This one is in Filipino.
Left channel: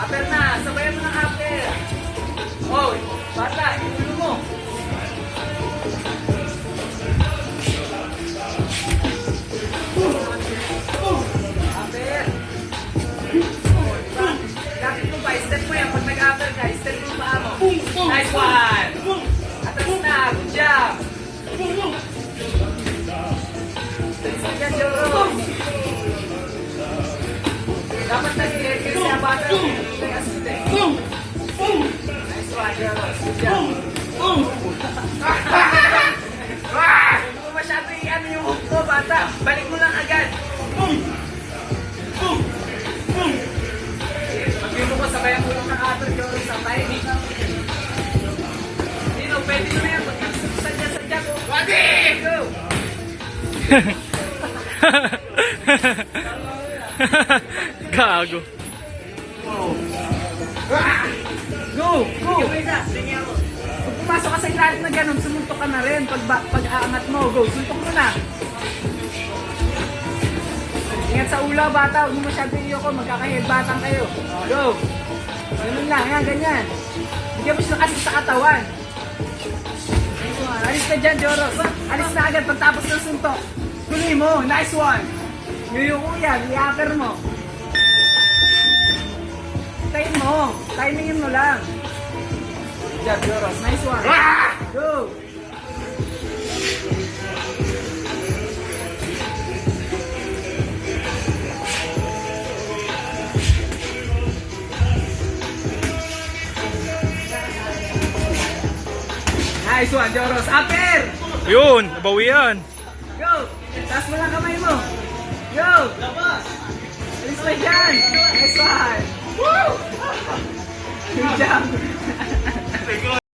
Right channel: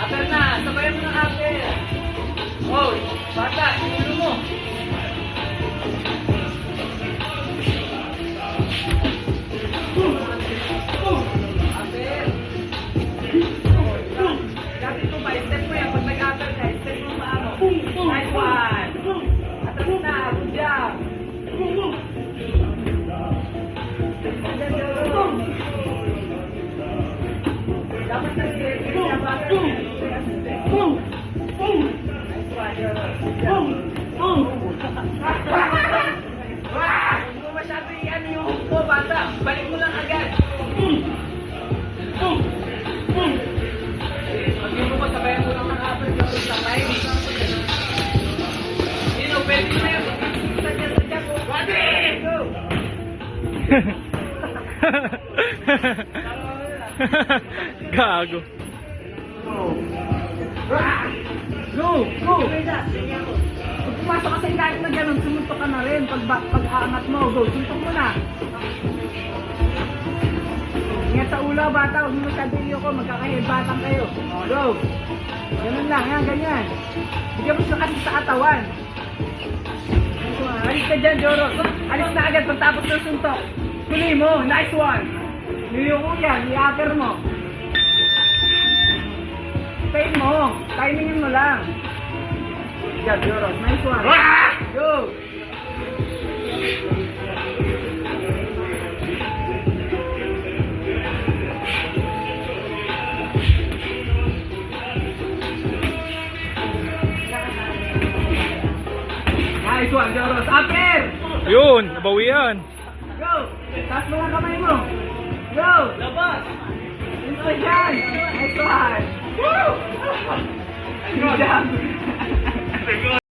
Aper na, sabayan mo ng aper. Oh, bata, kanino mo? Aper. Oh, diba? Lapit mo ba? Step mo yan. Pag nag-aper ka, step mo ba mo? Nice one. Atras na, good job. Nice one yan, Joro. Dapat nag-ilit kasi ang bata niya. May asute. Nice one, Joro. Good job. Hindi mo masyado i-ano yung hook ko, bata. Balik mo lang agad. Pag-view mo ko, sabayan mo lang ng aper, Joro, sa timing. Dino, pwede mo na yan. Pag-pagsisan niya sa jack, oh. Body! Go! Gago. Go! Go! Pag pumasok ka sa ilalim na ganun, sumuntok ka na rin. Pag-aangat mo, go, suntok mo na. Ingat sa ulo, bata. Huwag mo masyado iyo ko, magkaka-headbatan kayo. Go! Ganun lang, yan, ganyan. Bigyan mo siya kasi sa katawan. Alis ka dyan, Joro. Alis na agad pagtapos ng suntok. Tuloy mo, nice one. Yung yan, i-upper mo. Time mo. Timingin mo lang. Good, Joros. Nice one. Go! Nice one, Joros. Upper! Yun, nabawi yan. Go! Taas mo lang kamay mo. Go! Labas! Alis na dyan! Nice one! Woo! Good job!